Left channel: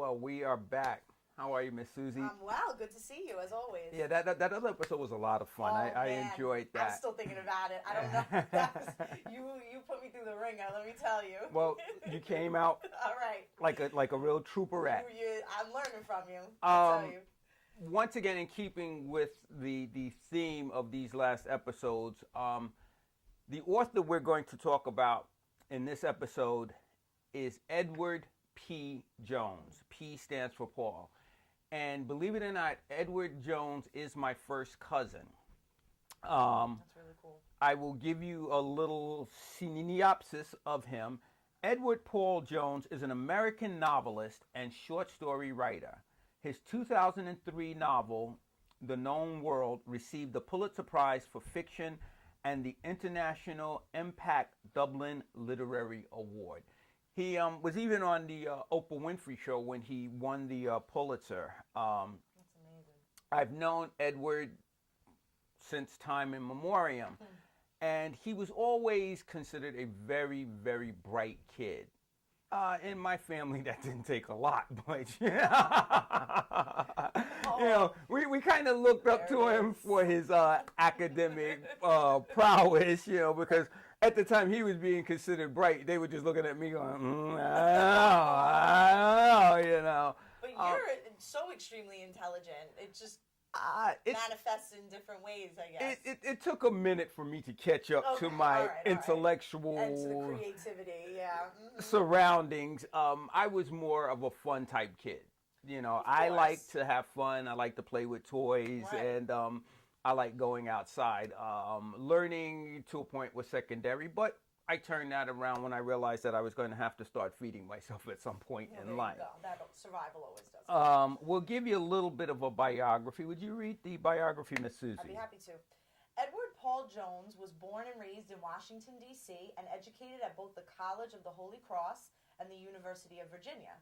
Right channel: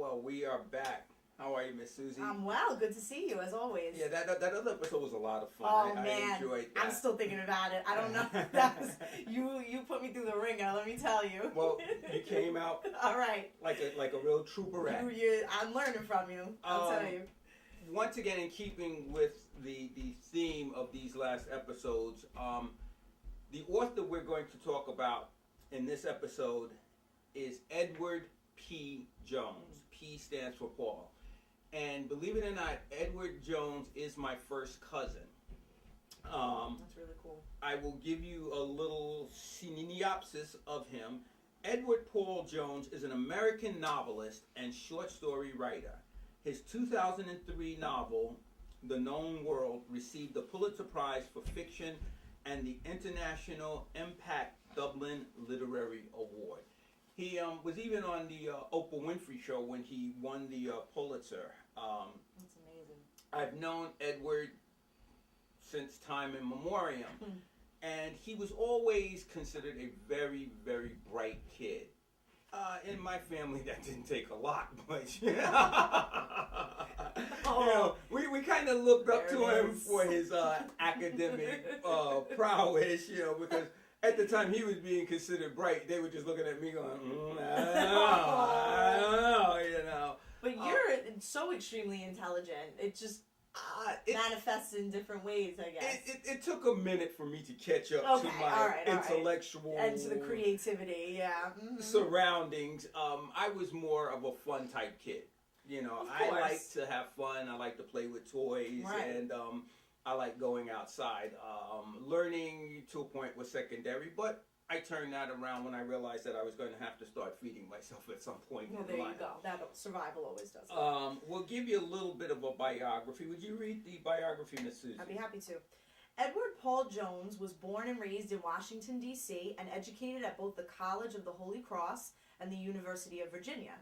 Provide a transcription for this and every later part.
Well, we are back. How are you, Miss Susie? I'm well. Good to see you, as always. Yeah, that other episode was a lot of fun. Oh, I man. enjoyed that. I'm still thinking about it. I don't know. That was, you put me through the ringer, let me tell you. Well, you came out all right. like a real trooperette. I'm learning from you. I'll tell you. Once again, in keeping with the theme of these last episodes, the author we're going to talk about in this episode is Edward P. Jones. P stands for Paul. And believe it or not, Edward Jones is my first cousin. That's really cool. I will give you a little synopsis of him. Edward Paul Jones is an American novelist and short story writer. His 2003 novel, The Known World, received the Pulitzer Prize for Fiction and the International Impact Dublin Literary Award. He was even on the Oprah Winfrey Show when he won the Pulitzer. That's amazing. I've known Edward since time immemorial, and he was always considered a very, very bright kid. In my family, that didn't take a lot, but we kind of looked up to him for his academic prowess, because at the time he was being considered bright. They were just looking at me going, I don't know. But you're so extremely intelligent. It just manifests in different ways, I guess. It took a minute for me to catch up to my intellectual and to the creativity, surroundings. I was more of a fun type kid. I like to have fun. I like to play with toys, and I like going outside. Learning to a point was secondary, but I turned that around when I realized that I was going to have to start feeding myself at some point in life. There you go. Survival always does that. We'll give you a little bit of a biography. Would you read the biography, Miss Susie? I'd be happy to. Edward Paul Jones was born and raised in Washington, D.C., and educated at both the College of the Holy Cross and the University of Virginia.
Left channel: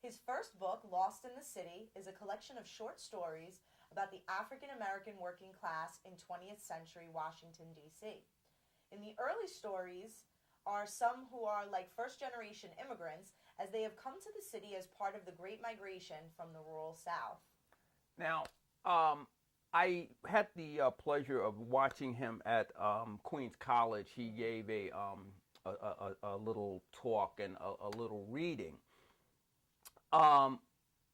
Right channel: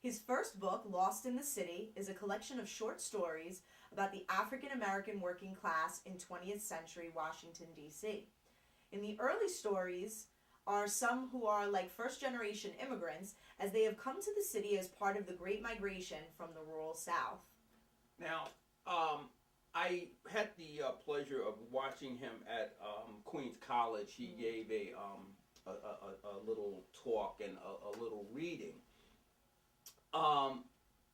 His first book, Lost in the City, is a collection of short stories about the African-American working class in 20th century Washington, D.C. In the early stories are some who are like first-generation immigrants, as they have come to the city as part of the Great Migration from the rural South. Now, I had the pleasure of watching him at Queens College. He gave a little talk and a little reading.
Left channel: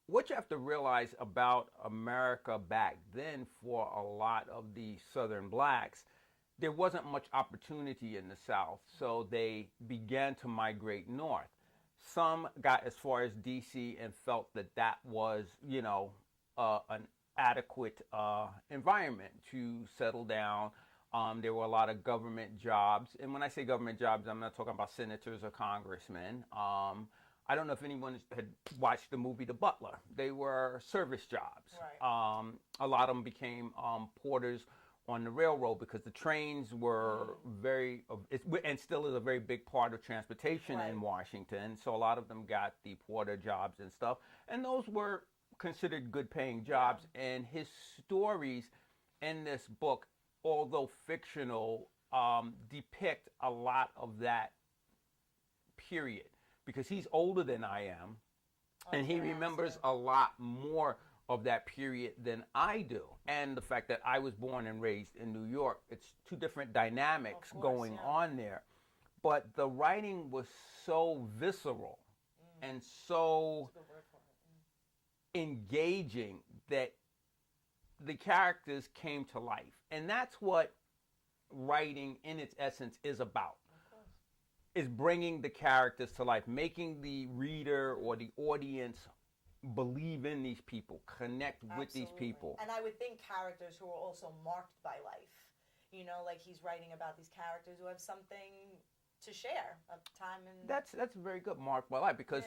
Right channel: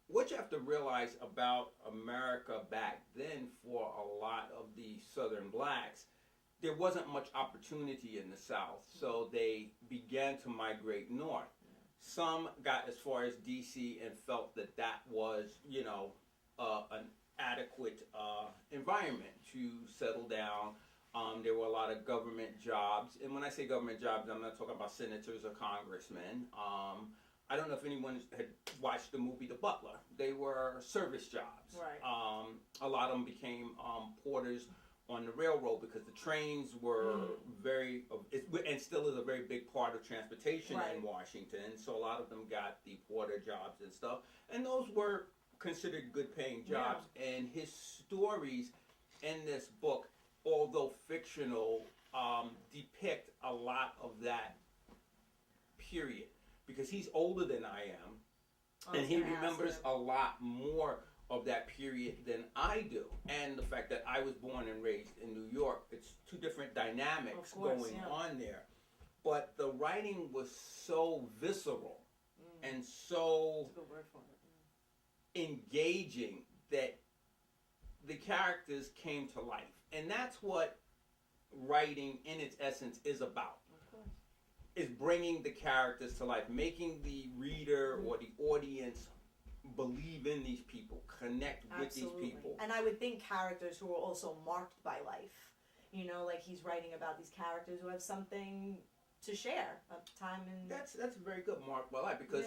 What you have to realize about America back then for a lot of the Southern blacks, there wasn't much opportunity in the South, so they began to migrate north. Some got as far as D.C. and felt that was, an adequate environment to settle down. There were a lot of government jobs, and when I say government jobs, I'm not talking about senators or congressmen. I don't know if anyone had watched the movie The Butler. They were service jobs. Right. A lot of them became porters on the railroad because the trains were and still is a very big part of transportation in Washington. So a lot of them got the porter jobs and stuff. And those were considered good paying jobs. Yeah. And his stories in this book, although fictional, depict a lot of that period. Because he's older than I am, and he remembers a lot more of that period than I do. And the fact that I was born and raised in New York, it's two different dynamics going on there. But the writing was so visceral and so engaging that the characters came to life. And that's what writing in its essence is about. Is bringing the characters to life, making the reader or the audience believe in these people, connect with these people. And I would think characters who are also marked by life. Like he's writing about these characters who have something to share, a time in... That's very good, marked by life, because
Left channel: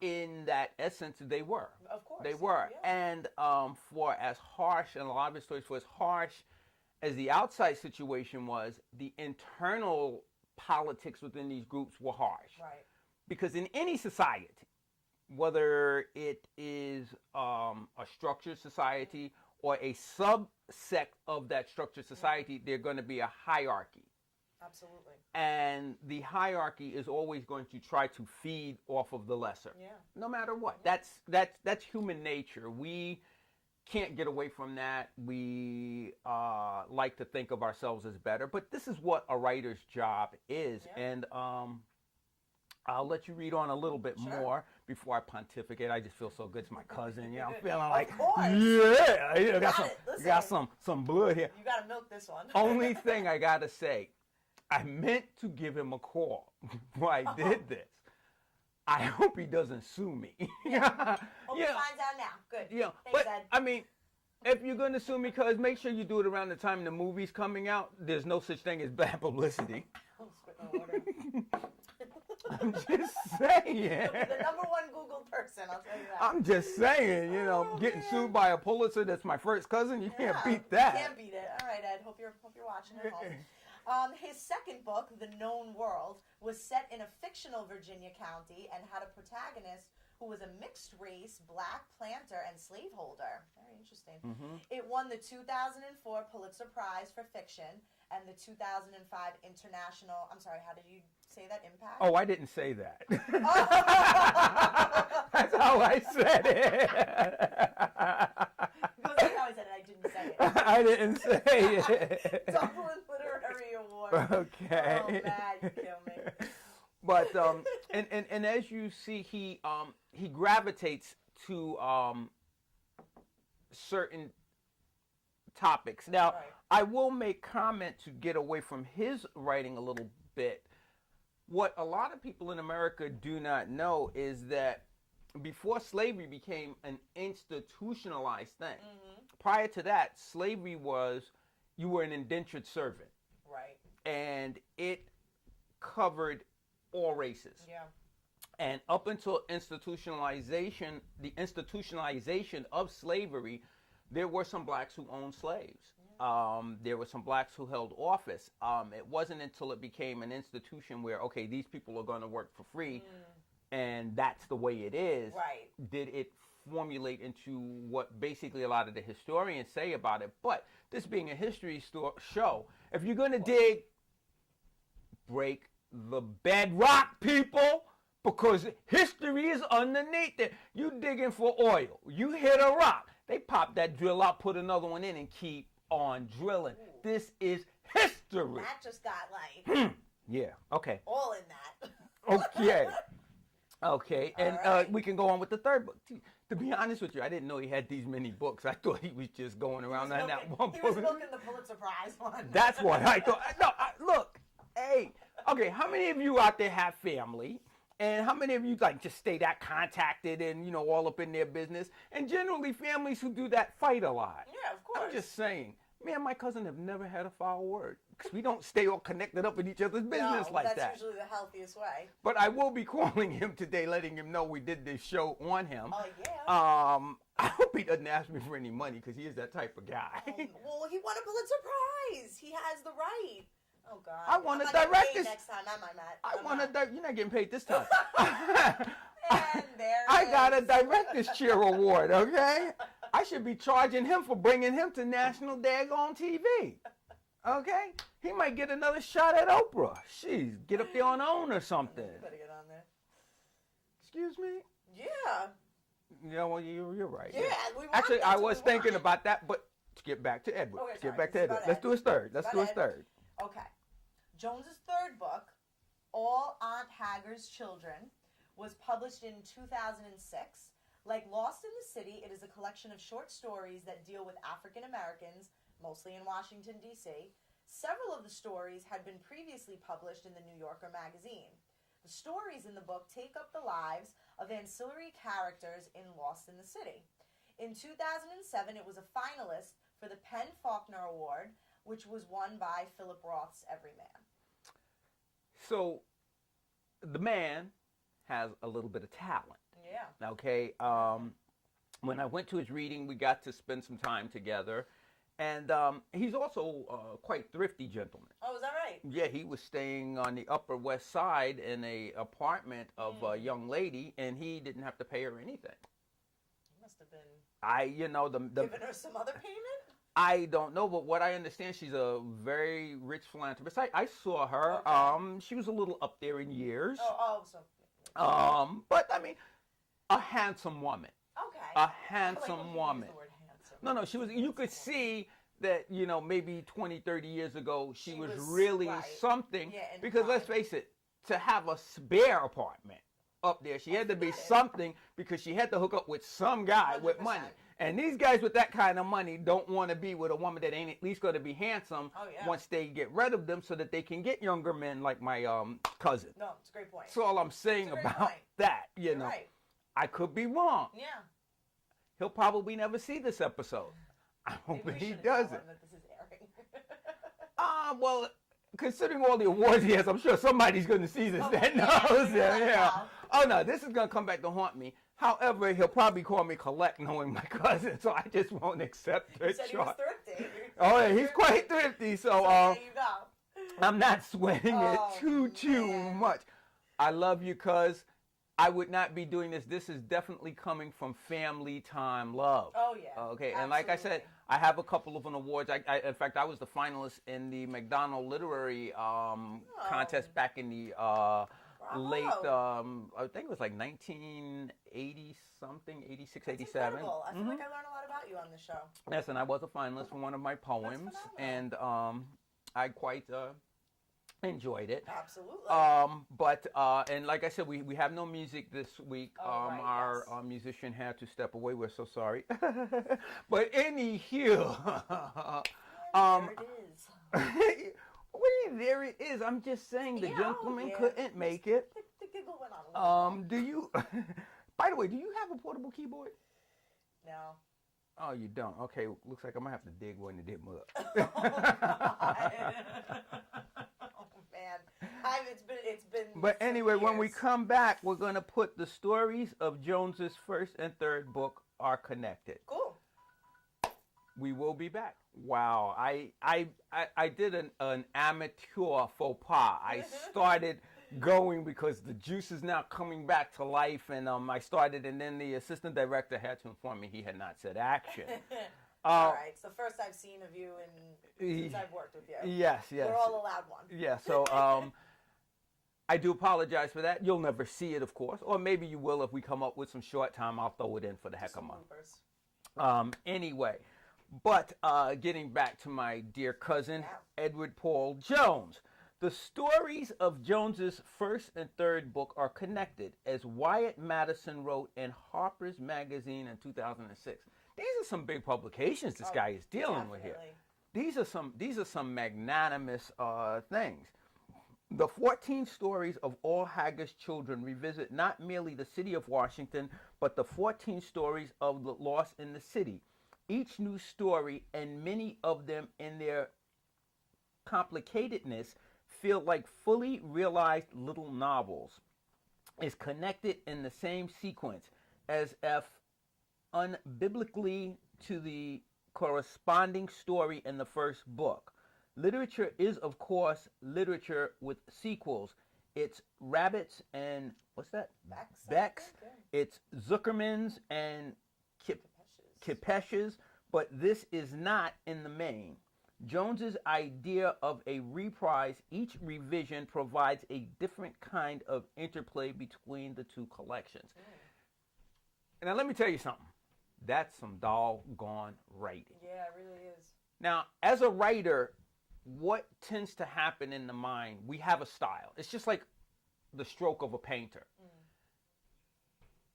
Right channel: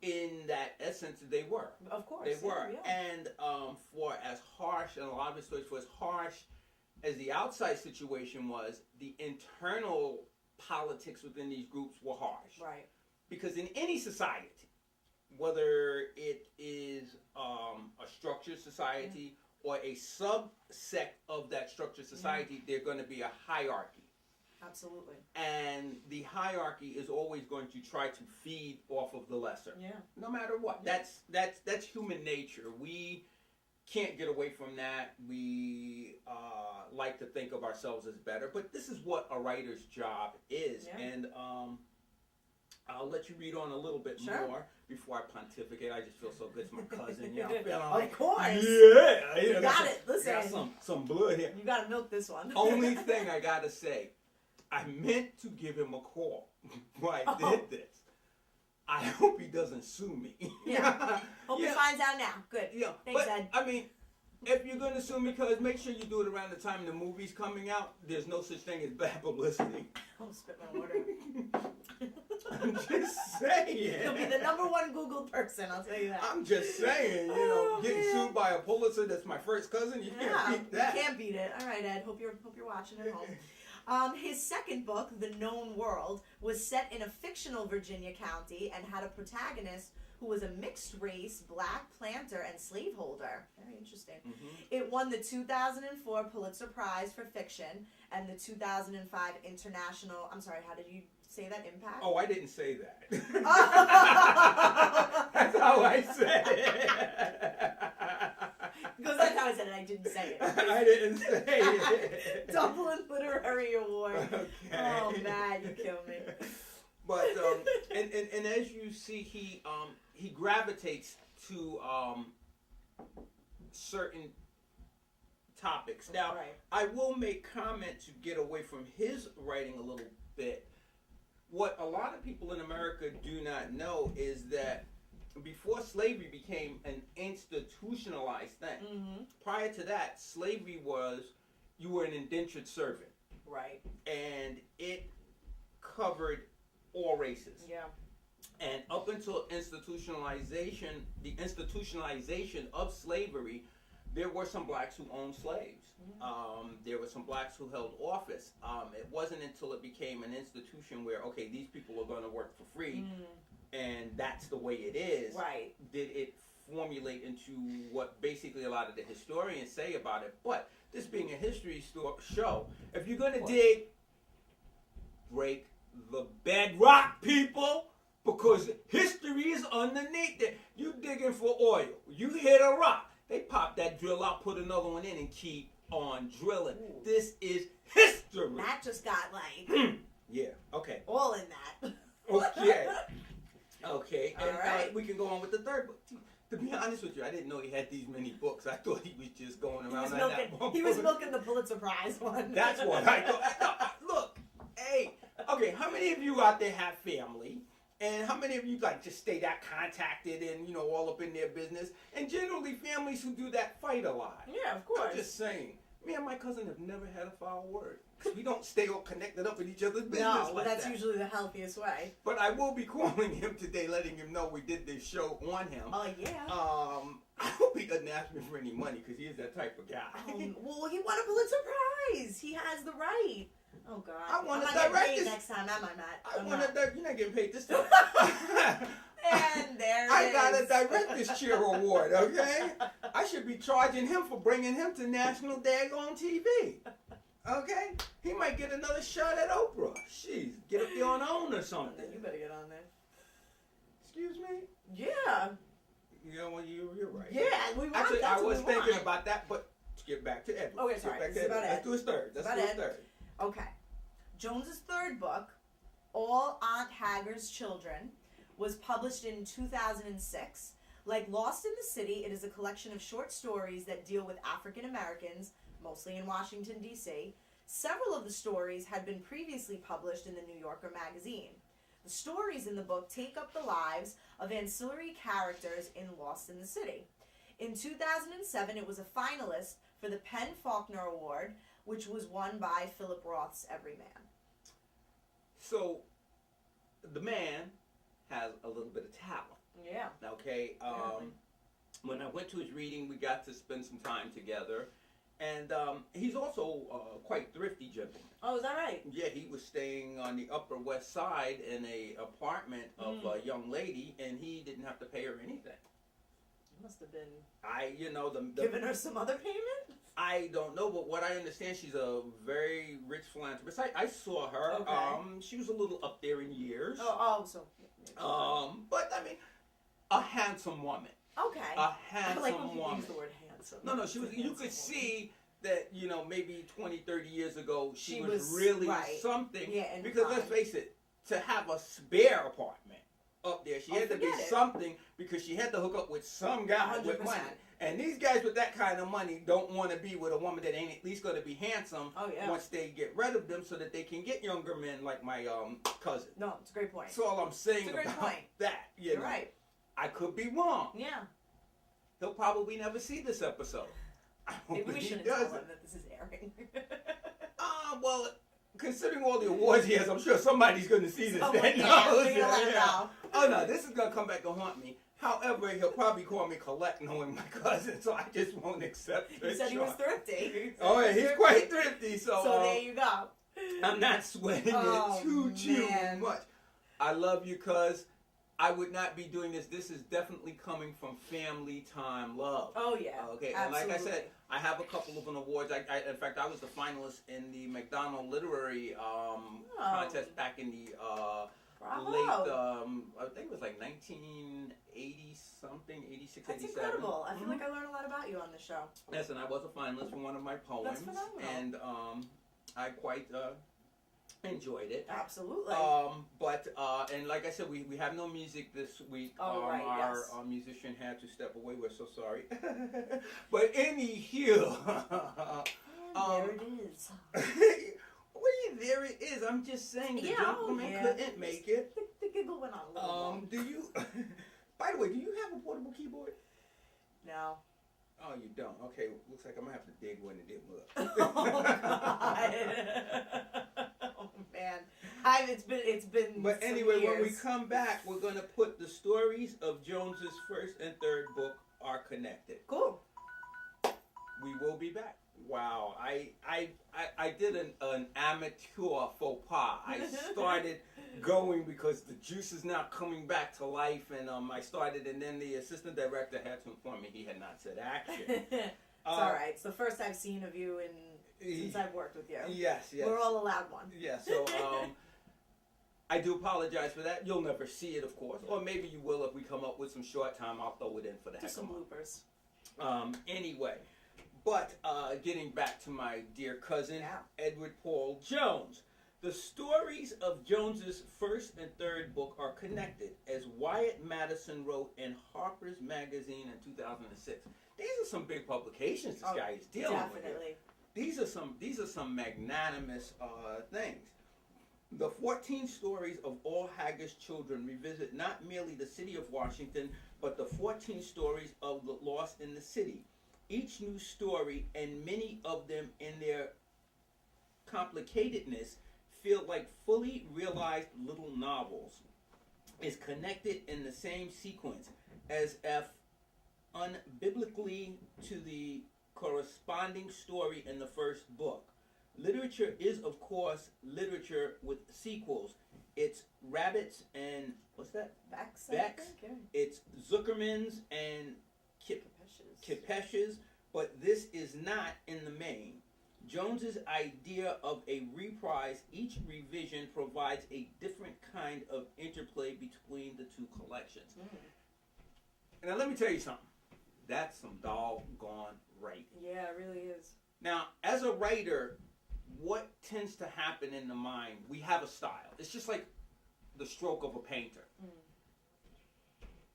in that essence, they were. Of course. They were. Yeah. And for as harsh, and a lot of the stories, for as harsh as the outside situation was, the internal politics within these groups were harsh. Right. Because in any society, whether it is a structured society or a subsect of that structured society, there's going to be a hierarchy. Absolutely. And the hierarchy is always going to try to feed off of the lesser. Yeah. No matter what. Yeah. That's human nature. We can't get away from that. We like to think of ourselves as better, but this is what a writer's job is. Yeah. And I'll let you read on a little bit Sure. more before I pontificate. I just feel so good. It's my cousin. Yeah, I'm feeling like, Of course. yeah, you know, Got it. Listen. got some blood here. You gotta milk this one. Only thing I gotta say, I meant to give him a call when I did this. I hope he doesn't sue me. Yeah. Hope he finds out now. Good. Yeah, Thanks, but Ed. I mean, if you're going to sue me, cuz make sure you do it around the time the movie's coming out. There's no such thing as bad publicity. I'm spitting all over. I'm just saying. You'll be the number one Googled person, I'll tell you that. I'm just saying, you know, Oh, getting man. sued by a Pulitzer that's my first cousin, you can't Yeah, beat that. You can't beat it. All right, Ed. Hope you're watching at home. His second book, The Known World, was set in a fictional Virginia county and had a protagonist who was a mixed race black planter and slaveholder. Very interesting. Mhm. It won the 2004 Pulitzer Prize for fiction and the 2005 International, I'm sorry, how did you say that? Impact? Oh, I didn't say that. Oh. That's how I said it. Because that's how I said it, I didn't say it. I didn't say it. Dublin Literary Award. Okay. Oh man, you kill me. But and as you see, he gravitates to certain topics. Now, Right. I will make comment to get away from his writing a little bit. What a lot of people in America do not know is that before slavery became an institutionalized thing, Mm-hmm. prior to that, slavery was you were an indentured servant, Right. and it covered all races. Yeah. And up until institutionalization, the institutionalization of slavery, there were some blacks who owned slaves. There were some blacks who held office. It wasn't until it became an institution where, okay, these people are going to work for free, and that's the way it is, Right. did it formulate into what basically a lot of the historians say about it. But this being a history show, if you're going to dig, break the bedrock, people, because history is underneath it. You digging for oil. You hit a rock. They pop that drill out, put another one in, and keep on drilling. Ooh. This is history. That just got like Yeah, okay. all in that. Okay. Okay, and All right. we can go on with the third book. To be honest with you, I didn't know he had these many books. I thought he was just going around on that one He was book. milking the Pulitzer Prize one. That's what I thought. No, look, hey, okay, how many of you out there have family? And how many of you like just stay that contacted and, you know, all up in their business? And generally families who do that fight a lot. Yeah, of course. I'm just saying, me and my cousin have never had a foul word. Because we don't stay all connected up in each other's business no, like that's that. usually the healthiest way. But I will be calling him today, letting him know we did this show on him. Oh yeah. I hope he doesn't ask me for any money because he is that type of guy. Well, he won a Pulitzer Prize. He has the right. Oh God. I want I'm to not getting direct paid this. next time. Am I, Matt? I I'm want not. to. You're not getting paid this time. And there it I gotta is. direct this cheer award, okay? I should be charging him for bringing him to national daggone TV. Okay? He might get another shot at Oprah. Jeez, get up there on OWN or something. You better get on there. Excuse me? Yeah. Yeah, well, you're right. Yeah. We want Actually, I that's what was we thinking want. about that, but let's get back to Edward. Okay, Let's sorry. get back to This is Edward. about Let's Ed. do his third. Let's About do his Ed. third. Okay. Jones's third book, All Aunt Haggard's Children, was published in 2006. Like Lost in the City, it is a collection of short stories that deal with African Americans, mostly in Washington, D.C. Several of the stories had been previously published in the New Yorker magazine. The stories in the book take up the lives of ancillary characters in Lost in the City. In 2007, it was a finalist for the PEN/Faulkner Award, which was won by Philip Roth's Everyman. So, the man has a little bit of talent. Yeah. Okay. When I went to his reading, we got to spend some time together, and he's also quite thrifty gentleman. Oh, is that right? Yeah, he was staying on the Upper West Side in a apartment of a young lady, and he didn't have to pay her anything. Must have been The giving her some other payment. I don't know, but what I understand, she's a very rich philanthropist. I saw her. Okay. She was a little up there in years. So. But I mean, a handsome woman. Okay. A I handsome like when people woman. use the word handsome. No, she was. You could see that, maybe 20, 30 years ago, she was really something. Yeah, because let's face it, to have a spare apartment up there, she had to be something, because she had to hook up with some guy 100%. with money. And these guys with that kind of money don't want to be with a woman that ain't at least going to be handsome once they get rid of them, so that they can get younger men like my cousin. No, it's a great point. That's all I'm saying about that. You're right. I could be wrong. Yeah. He'll probably never see this episode. I hope Maybe we he shouldn't tell doesn't. him that this is airing. Well, considering all the awards he has, I'm sure somebody's going to see this. Oh no, this is going to come back to haunt me. However, he'll probably call me Colette, knowing my cousin, so I just won't accept it. He said he was thrifty. Oh yeah, he's quite thrifty. So there you go. I'm not sweating it too much. I love you, cuz. I would not be doing this. This is definitely coming from family time love. Oh yeah. Okay, absolutely. and like I said, I have a couple of awards. In fact, I was the finalist in the McDonald Literary contest back in the late, I think it was like 1980 something, 86, That's 87. incredible. I feel like I learned a lot about you on the show. Yes, and I was a finalist for one of my poems, and I quite enjoyed it. Absolutely. And like I said, we have no music this week. Our musician had to step away. We're so sorry. But anywho, there it is. There it is. I'm just saying the gentleman couldn't make it. The giggle went on. Do you? By the way, do you have a portable keyboard? No. Oh, you don't. Okay, looks like I'm gonna have to dig one to dig up. Oh God. Oh man. It's been. But anyway, when we come back, we're gonna put the stories of Jones's first and third book are connected. Cool. We will be back. Wow, I did an amateur faux pas. I started going because the juice is now coming back to life, and I started, and then the assistant director had to inform me he had not said action. All right, it's the first I've seen of you since I've worked with you. Yes. We're all allowed one. Yeah, so I do apologize for that. You'll never see it, of course, or maybe you will if we come up with some short time. I'll throw it in for the heck of it. Anyway. But getting back to my dear cousin, Edward Paul Jones. The stories of Jones's first and third book are connected, as Wyatt Madison wrote in Harper's Magazine in 2006. These are some big publications this guy is dealing with here. These are some magnanimous things. The 14 stories of all Haggard's children revisit not merely the city of Washington, but the 14 stories of the lost in the city. Each new story, and many of them in their complicatedness, feel like fully realized little novels, is connected in the same sequence, as if unbiblically to the corresponding story in the first book. Literature is, of course, literature with sequels. It's Rabbits and, what's that? Becks. It's Zuckerman's and Kipesh's, but this is not in the main. Jones's idea of a reprise, each revision provides a different kind of interplay between the two collections. Now let me tell you something. That's some doggone writing. Yeah, it really is. Now, as a writer, what tends to happen in the mind, we have a style. It's just like the stroke of a painter.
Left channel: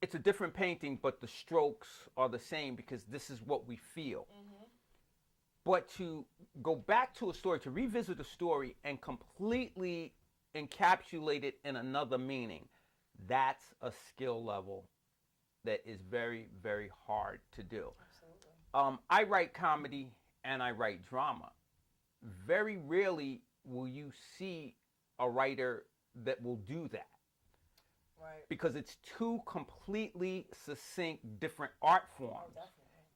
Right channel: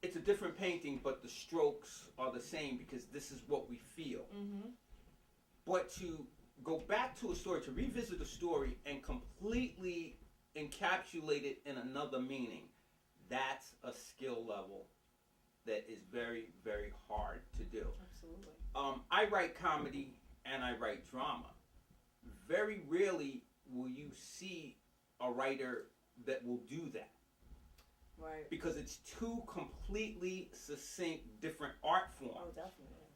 It's a different painting, but the strokes are the same because this is what we feel. But to go back to a story, to revisit a story and completely encapsulate it in another meaning, that's a skill level that is very, very hard to do. Absolutely. I write comedy and I write drama. Very rarely will you see a writer that will do that. Right. Because it's two completely succinct different art forms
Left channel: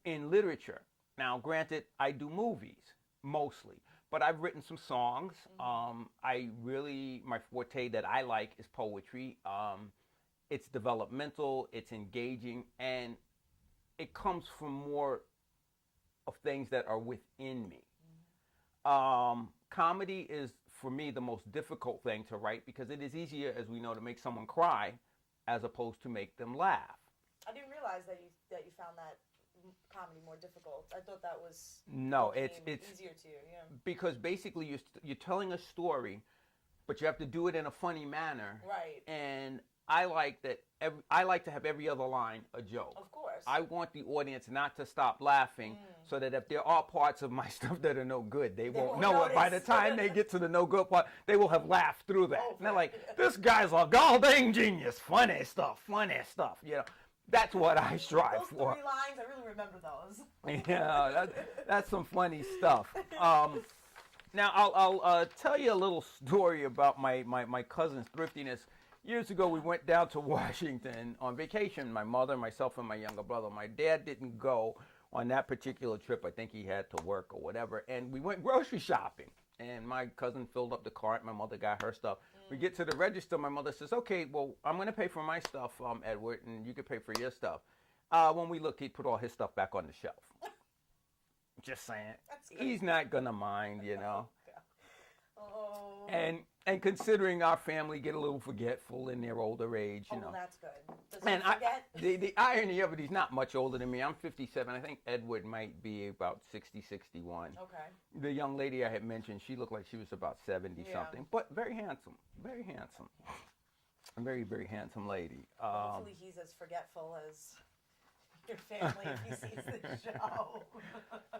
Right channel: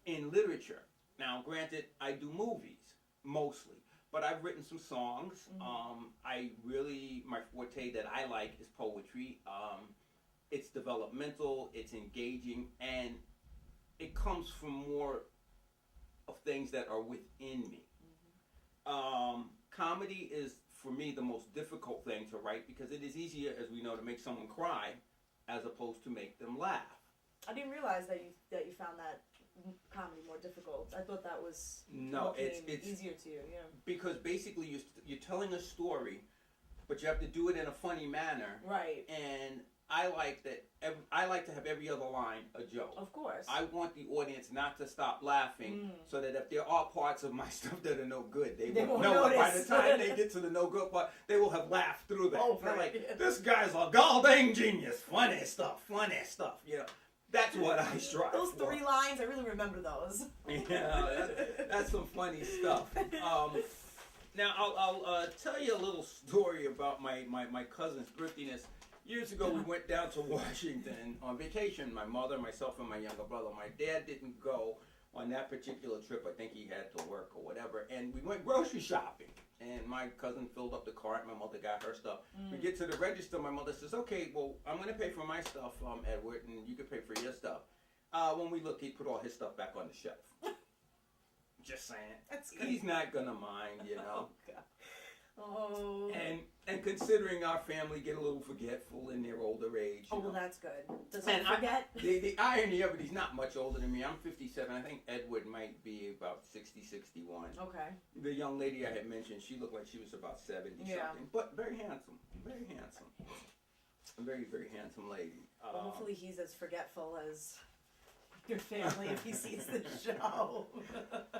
in literature. Now, granted, I do movies mostly, but I've written some songs. My forte that I like is poetry. It's developmental, it's engaging, and it comes from more of things that are within me. Comedy is for me the most difficult thing to write because it is easier, as we know, to make someone cry as opposed to make them laugh. I didn't realize that you found that comedy more difficult. I thought that was it's easier to you. Yeah. Because basically you're telling a story, but you have to do it in a funny manner. Right. And I like that. I like to have every other line a joke. Of course. I want the audience not to stop laughing, so that if there are parts of my stuff that are no good, they won't know it. By the time they get to the no good part, they will have laughed through that. They're like, this guy's a goddamn genius. Funny stuff. You know, that's what I strive those for. 3 lines, I really remember those. Yeah, that's some funny stuff. Now I'll tell you a little story about my cousin's thriftiness. Years ago, we went down to Washington on vacation, my mother, myself, and my younger brother. My dad didn't go on that particular trip. I think he had to work or whatever. And we went grocery shopping. And my cousin filled up the cart. My mother got her stuff. We get to the register. My mother says, okay, well, I'm going to pay for my stuff, Edward, and you can pay for your stuff. When we looked, he put all his stuff back on the shelf. Just saying. He's not going to mind, you know. Oh. And considering our family get a little forgetful in their older age, you know. Well, that's good. Does he forget? The irony of it, he's not much older than me. I'm 57. I think Edward might be about 60, 61. Okay. The young lady I had mentioned, she looked like she was about 70 something, but very handsome. Very handsome. A very, very handsome lady. Hopefully he's as forgetful as your family if he sees the show.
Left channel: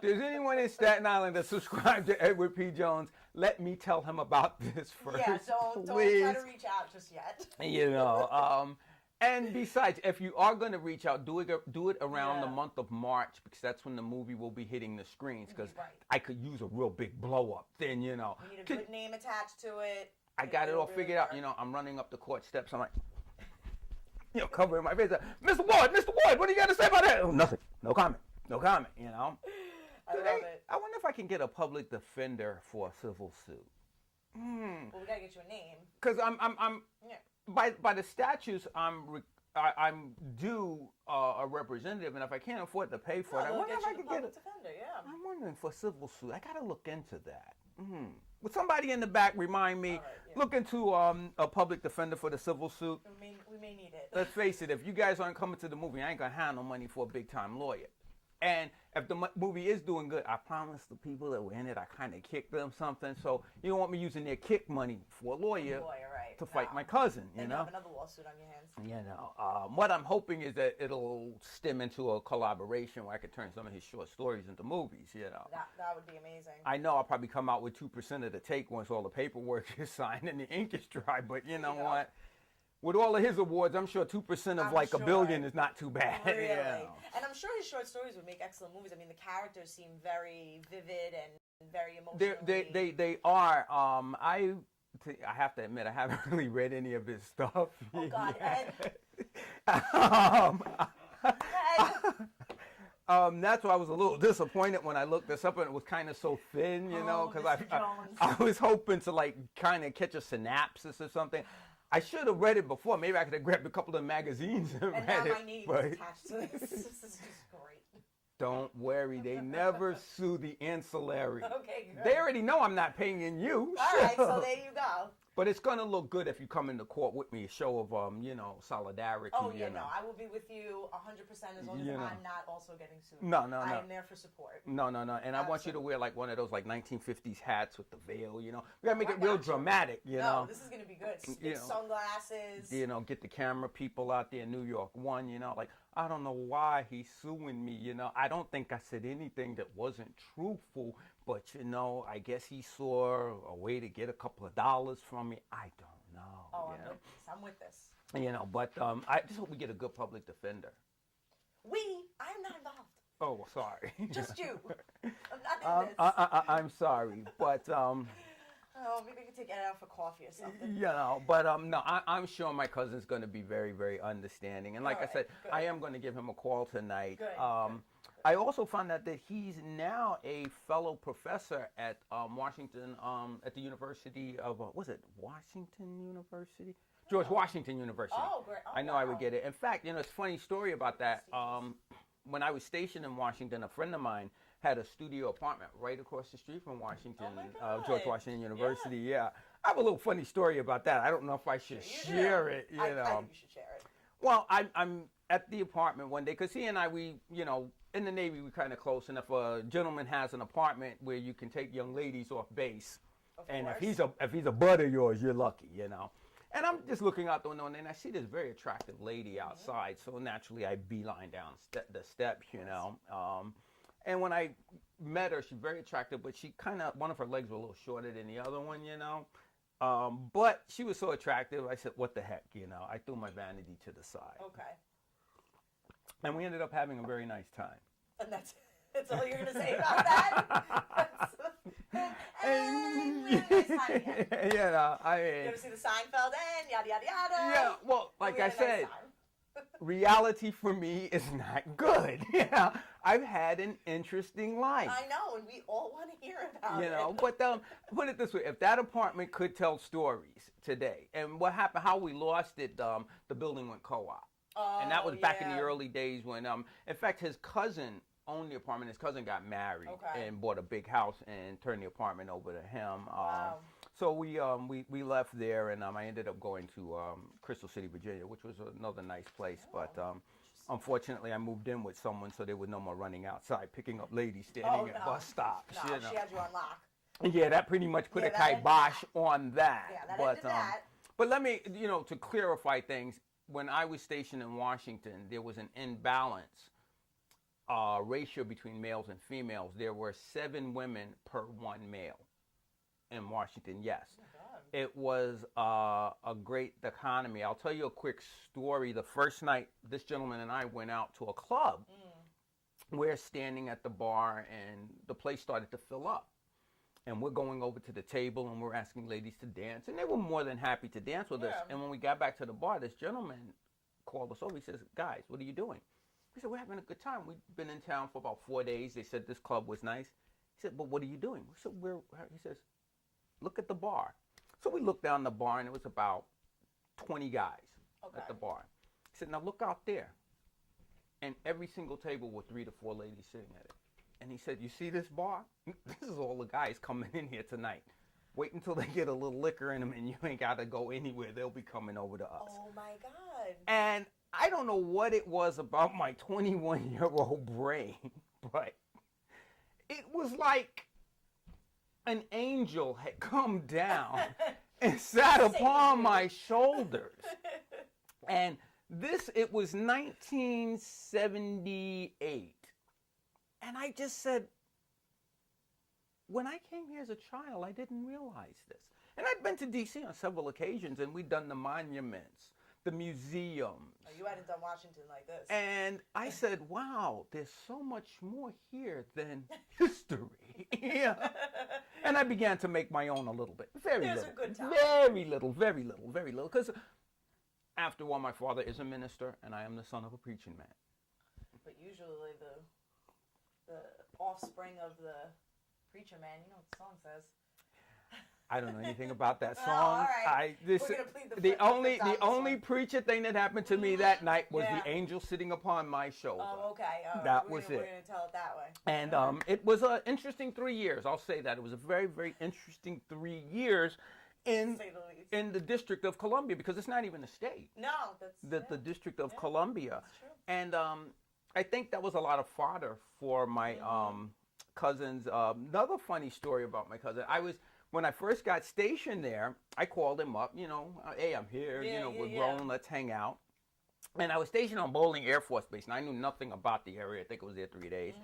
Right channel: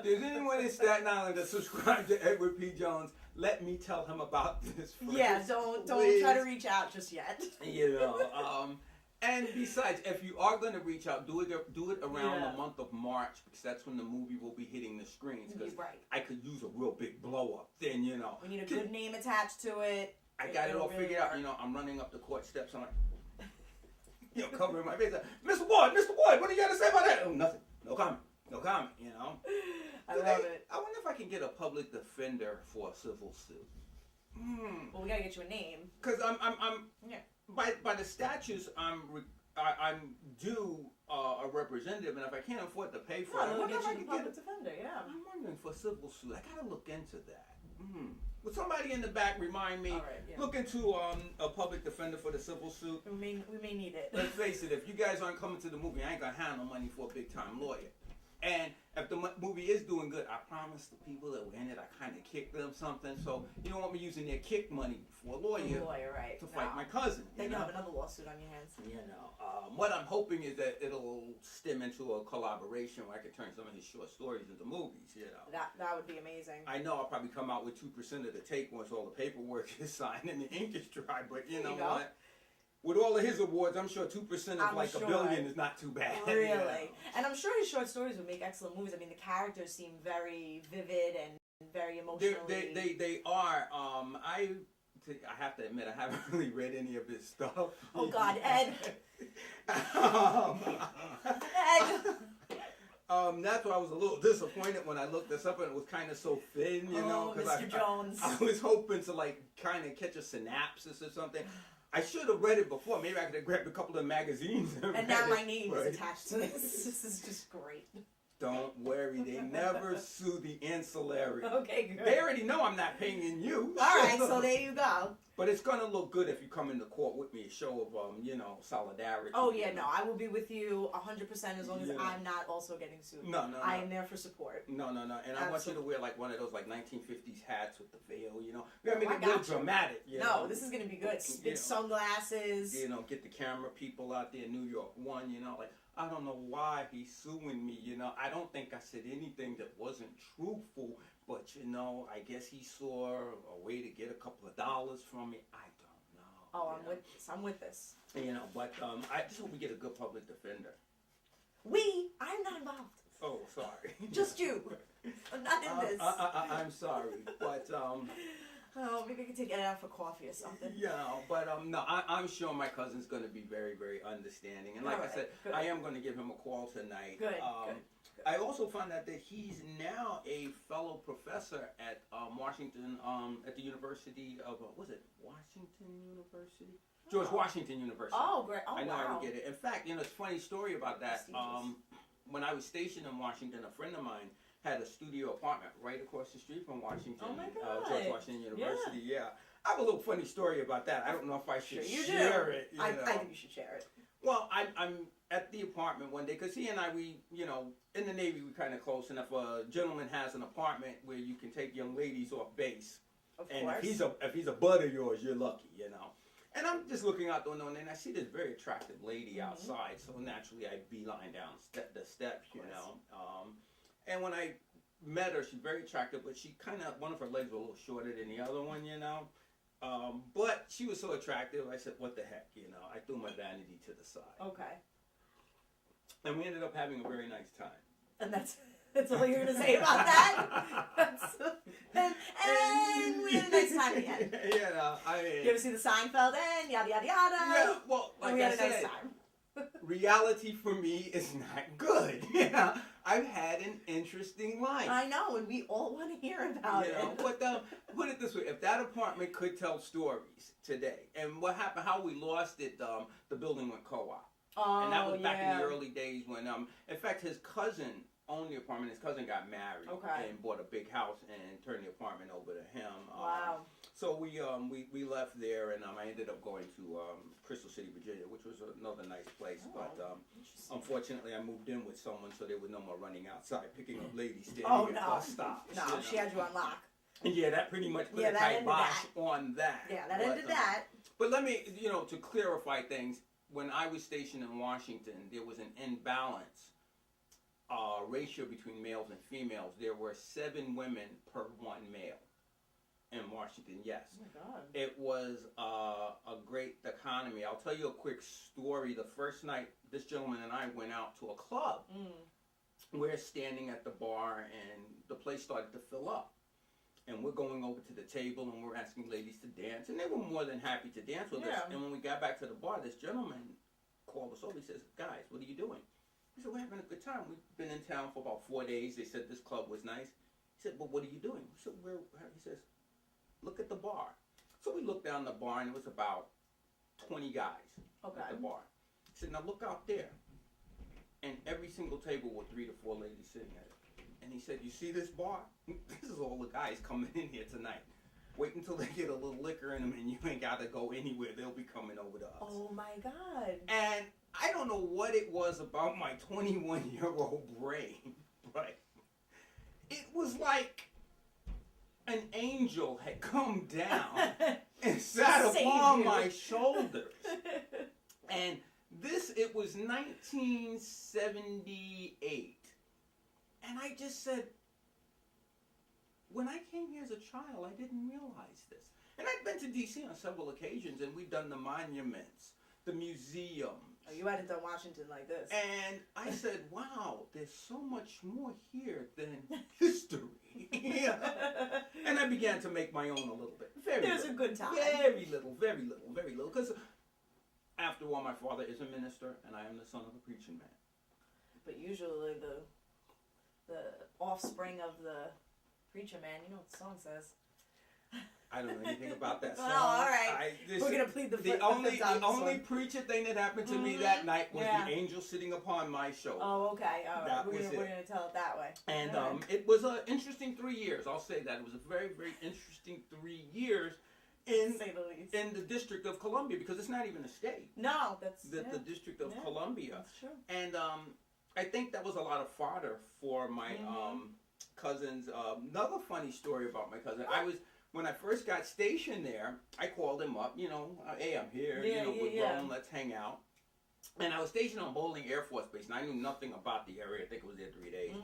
There's anyone in Staten Island that subscribed to Edward P. Jones, let me tell him about this first. Yeah, don't try to reach out just yet. You know, and besides, if you are going to reach out, do it around the month of March, because that's when the movie will be hitting the screens. Because I could use a real big blow up. Then you know, we need a good name attached to it. I got it all figured out. You know, I'm running up the court steps. I'm like, you know, covering my face. Mr. Boyd, what do you got to say about that? Oh, nothing. No comment. You know. I love it. I wonder if I can get a public defender for a civil suit. Well, we gotta get you a name. Because I'm by the statutes I'm due a representative, and if I can't afford to pay for it, I wonder if I can get a defender. Yeah. I'm wondering for a civil suit. I gotta look into that. Would somebody in the back remind me? Look into a public defender for the civil suit. We may need it. Let's face it. If you guys aren't coming to the movie, I ain't gonna have no money for a big time lawyer. And if the movie is doing good, I promise the people that were in it, I kind of kicked them something. So you don't want me using their kick money for a lawyer to fight my cousin. You know, have another lawsuit on your hands. You know, what I'm hoping is that it'll stem into a collaboration where I could turn some of his short stories into movies. You know, that would be amazing. I know I'll probably come out with 2% of the take once all the paperwork is signed and the ink is dry. But you know what? With all of his awards, I'm sure 2% of $1 billion is not too bad. Really? Yeah. And I'm sure his short stories would make excellent movies. I mean, the characters seem very vivid and very emotional. They are. I have to admit, I haven't really read any of his stuff. Oh, God, Ed. That's why I was a little disappointed when I looked this up and it was kind of so thin, you know, because I was hoping to like kind of catch a synopsis or something. I should have read it before. Maybe I could have grabbed a couple of magazines and read now it. My name is attached to this. This is just great. Don't worry. They never sue the ancillary. Okay, good. They already know I'm not paying you. All right, so there you go. But it's going to look good if you come into court with me, a show of, you know, solidarity. Oh, yeah, no. I will be with you 100% as long as I'm not also getting sued. No. I am there for support. No. And I want you to wear, like, one of those, like, 1950s hats with the veil, you know. We got to make it real dramatic, you know. No, this is going to be good. Big sunglasses. You know, get the camera people out there in New York. One, you know, like, I don't know why he's suing me, you know. I don't think I said anything that wasn't truthful, but, you know, I guess he saw a way to get a couple of dollars from me. I don't know. Oh, I'm with this. You know, but I just hope we get a good public defender. I'm not involved. Oh, sorry. Just you. I'm not in this. I'm sorry, but... Oh, maybe we could take it out for coffee or something. You know, but no, I'm sure my cousin's going to be very, very understanding. And like I said, good. I am going to give him a call tonight. Good, good. I also found out that he's now a fellow professor at Washington, at the University of, was it Washington University? George Washington University. Oh, great. Oh, I know I would get it. In fact, you know, it's a funny story about that. When I was stationed in Washington, a friend of mine had a studio apartment right across the street from Washington, Oh my God. George Washington University. Yeah. I have a little funny story about that. I don't know if I should share it. I think you should share it. Well, I'm at the apartment one day because he and I, we, in the Navy, we kind of close. And if a gentleman has an apartment where you can take young ladies off base, and if he's a bud of yours, you're lucky, And I'm just looking out the window, and then I see this very attractive lady outside. So naturally, I beeline down the steps, And when I met her, she's very attractive, but she one of her legs were a little shorter than the other one, But she was so attractive, I said, what the heck, I threw my vanity to the side. Okay. And we ended up having a very nice time. And that's all you're going to say about that? And we had a nice time again. You ever see the Seinfeld end? Yada, yada, yada. Yeah, well, like I said, reality for me is not good. I've had an interesting life. I know, and we all want to hear about it. But put it this way: if that apartment could tell stories today, and what happened, how we lost it, the building went co-op, and that was back in the early days when, in fact, his cousin owned the apartment. His cousin got married and bought a big house and turned the apartment over to him. Wow. So we left there, and I ended up going to Crystal City, Virginia, which was another nice place. But unfortunately, I moved in with someone, so there was no more running outside picking up ladies standing at bus stops. No, she had you on lock. Yeah, that pretty much put a kibosh on that. Yeah, that ended that. But let me, to clarify things, when I was stationed in Washington, there was an imbalance ratio between males and females. There were 7 women per 1 male. In Washington, yes. Oh my God. It was a great economy. I'll tell you a quick story. The first night, this gentleman and I went out to a club. We're standing at the bar, and the place started to fill up. And we're going over to the table, and we're asking ladies to dance. And they were more than happy to dance with us. And when we got back to the bar, this gentleman called us over. He says, guys, what are you doing? We said, we're having a good time. We've been in town for about 4 days. They said this club was nice. He said, but what are you doing? We said, he says, look at the bar. So we looked down the bar, and it was about 20 guys at the bar. He said, now look out there. And every single table with 3 to 4 ladies sitting at it. And he said, you see this bar? This is all the guys coming in here tonight. Wait until they get a little liquor in them, and you ain't got to go anywhere. They'll be coming over to us. Oh, my God. And I don't know what it was about my 21-year-old brain, but it was like an angel had come down and sat upon my shoulders. And it was 1978. And I just said, when I came here as a child, I didn't realize this. And I've been to D.C. on several occasions, and we've done the monuments, the museums. Oh, you hadn't done Washington like this. And I said, wow, there's so much more here than history. Yeah. And I began to make my own a little bit. Very There's little. A good time. Very little. Because after all, my father is a minister, and I am the son of a preaching man. But usually the offspring of the preacher man, you know what the song says. I don't know anything about that song. Oh, all right. We're gonna plead the only preacher thing that happened to me that night was the angel sitting upon my shoulder. Oh, okay. All right. That was it. We're gonna tell it that way. And it was an interesting 3 years. I'll say that it was a very, very interesting 3 years in the District of Columbia, because it's not even a state. No, that's the District of Columbia. That's true. And I think that was a lot of fodder for my cousins. Another funny story about my cousin. When I first got stationed there, I called him up, hey, I'm here, we're grown, let's hang out. And I was stationed on Bolling Air Force Base, and I knew nothing about the area. I think I was there 3 days.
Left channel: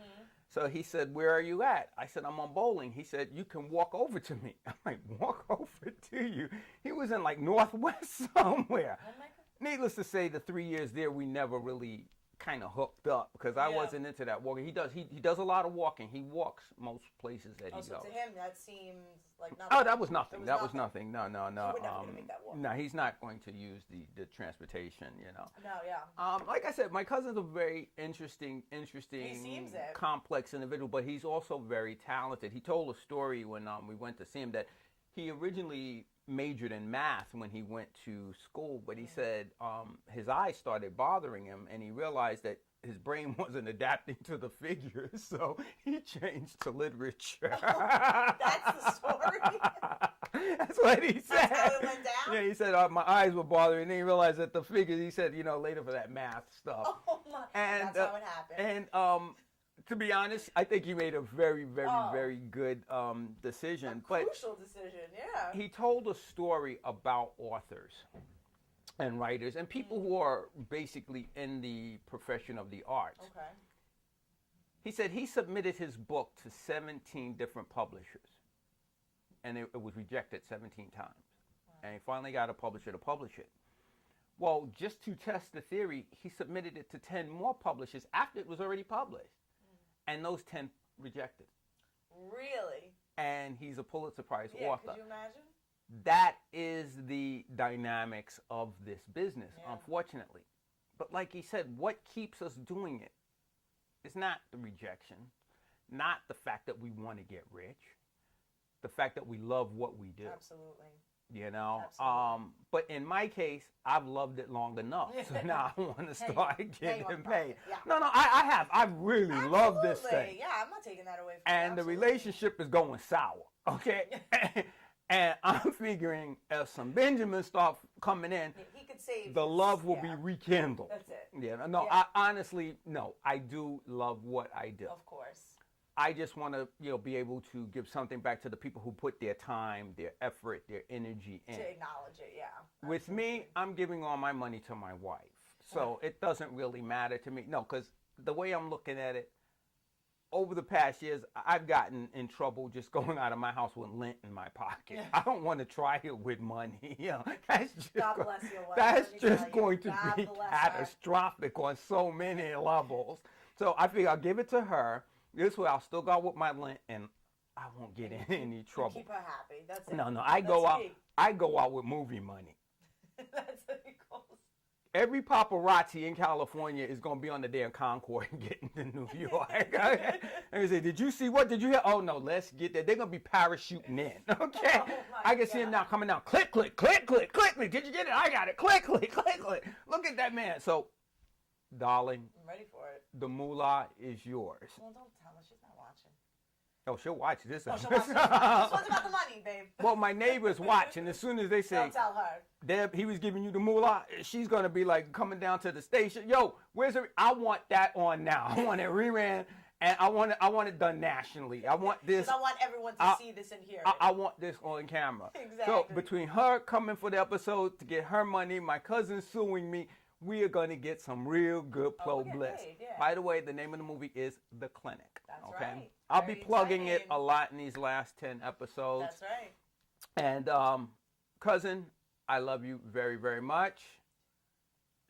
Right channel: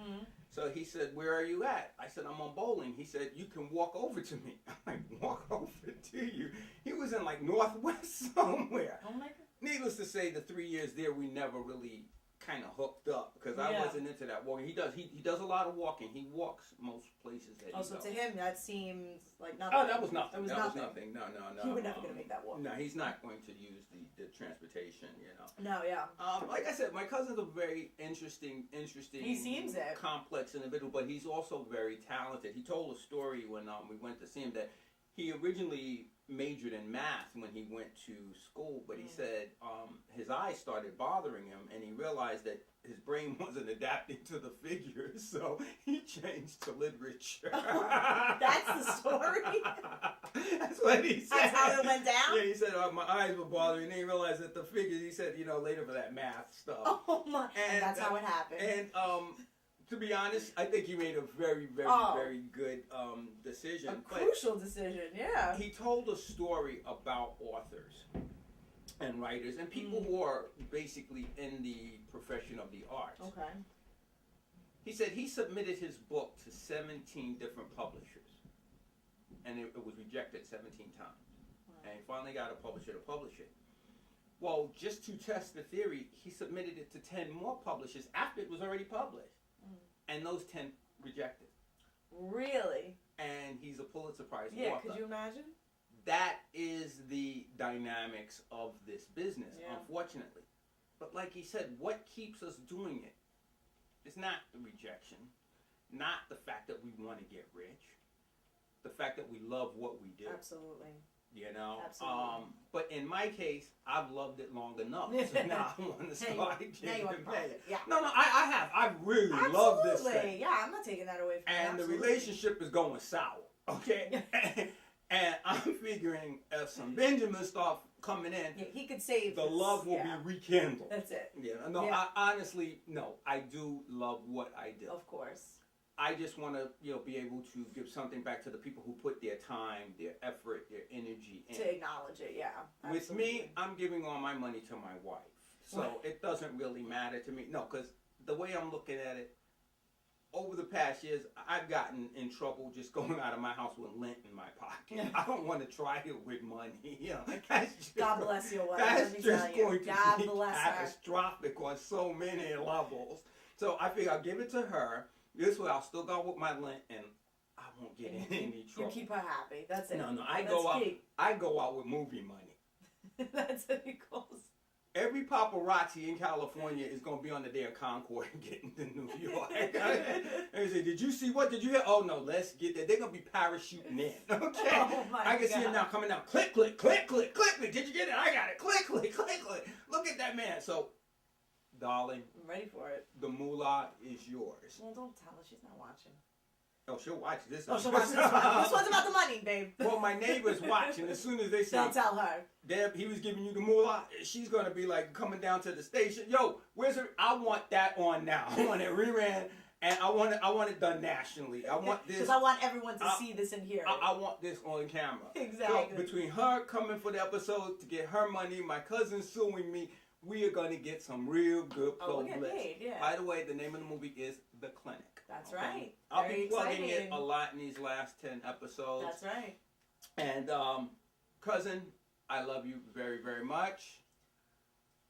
So he said, where are you at? I said, I'm on Bolling. He said, you can walk over to me. I'm like, walk over to you? He was in like Northwest somewhere. Oh my God. Needless to say, the 3 years there, we never really kind of hooked up, because I wasn't into that walking. He does a lot of walking. He walks most places that he goes. So to him, that seems like nothing. Oh, that was nothing. That was nothing. No. He would never make that walk. No, he's not going to use the transportation, No, yeah. Like I said, my cousin's a very interesting, He seems it. complex individual, but he's also very talented. He told a story when we went to see him that he originally majored in math when he went to school, but he said his eyes started bothering him, and he realized that his brain wasn't adapting to the figures, so he changed to literature. That's the story? That's what he said. That's how it went down? Yeah, he said, my eyes were bothering, and then he realized that the figures, he said, later for that math stuff. Oh my, and that's how it happened. And to be honest, I think he made a very, very, very good decision. Crucial decision, yeah. He told a story about authors and writers and people who are basically in the profession of the arts. Okay. He said he submitted his book to 17 different publishers, and it was rejected 17 times. Wow. And he finally got a publisher to publish it. Well, just to test the theory, he submitted it to 10 more publishers after it was already published. And those 10 rejected. Really? And he's a Pulitzer Prize author. Yeah, could you imagine? That is the dynamics of this business, unfortunately. But like he said, what keeps us doing it is not the rejection, not the fact that we want to get rich, the fact that we love what we do. Absolutely. Absolutely. But in my case, I've loved it long enough. So now I want to start getting paid. Yeah. No, I have. I really love this thing. Yeah, I'm not taking that away from you. And the relationship is going sour, okay? And I'm figuring if some Benjamin stuff coming in, he could save the love will be rekindled. That's it. Yeah. No, I honestly, I do love what I do. Of course. I just want to, be able to give something back to the people who put their time, their effort, their energy in. To acknowledge it, yeah. With me, I'm giving all my money to my wife. So it doesn't really matter to me. No, because the way I'm looking at it, over the past years, I've gotten in trouble just going out of my house with lint in my pocket. I don't want to try it with money. That's just, God bless your wife. That's just going to God be bless catastrophic on so many levels. So I figure I'll give it to her. This way I'll still go with my lint and I won't get in any trouble. You keep her happy. That's it. No, I go out with movie money. That's what he calls. Every paparazzi in California is going to be on the damn Concord and getting to New York. And they say, did you see what? Did you hear? Oh, no, let's get there. They're going to be parachuting in. Okay? I can see them now coming down. Click, click, click, click, click. Did you get it? I got it. Click, click, click, click. Look at that man. So, darling. I'm ready for it. The moolah is yours. Well, don't tell her. She's not watching. Oh, she'll watch this. Oh, she'll watch this one. This one's about the money, babe. Well, my neighbor's watching. As soon as they say, don't tell her. Deb, he was giving you the moolah, she's going to be like coming down to the station. Yo, where's it? I want that on now. I want it reran, and I want it done nationally. I want this. Because I want everyone to see this and hear it. I want this on camera. Exactly. So between her coming for the episode to get her money, my cousin suing me, we are going to get some real good publicity. Yeah. By the way, the name of the movie is The Clinic. That's right. I'll be plugging it a lot in these last 10 episodes. That's right. And cousin, I love you very, very much.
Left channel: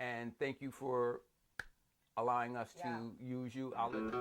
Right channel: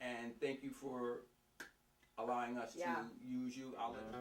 And thank you for allowing us to use you. I'll let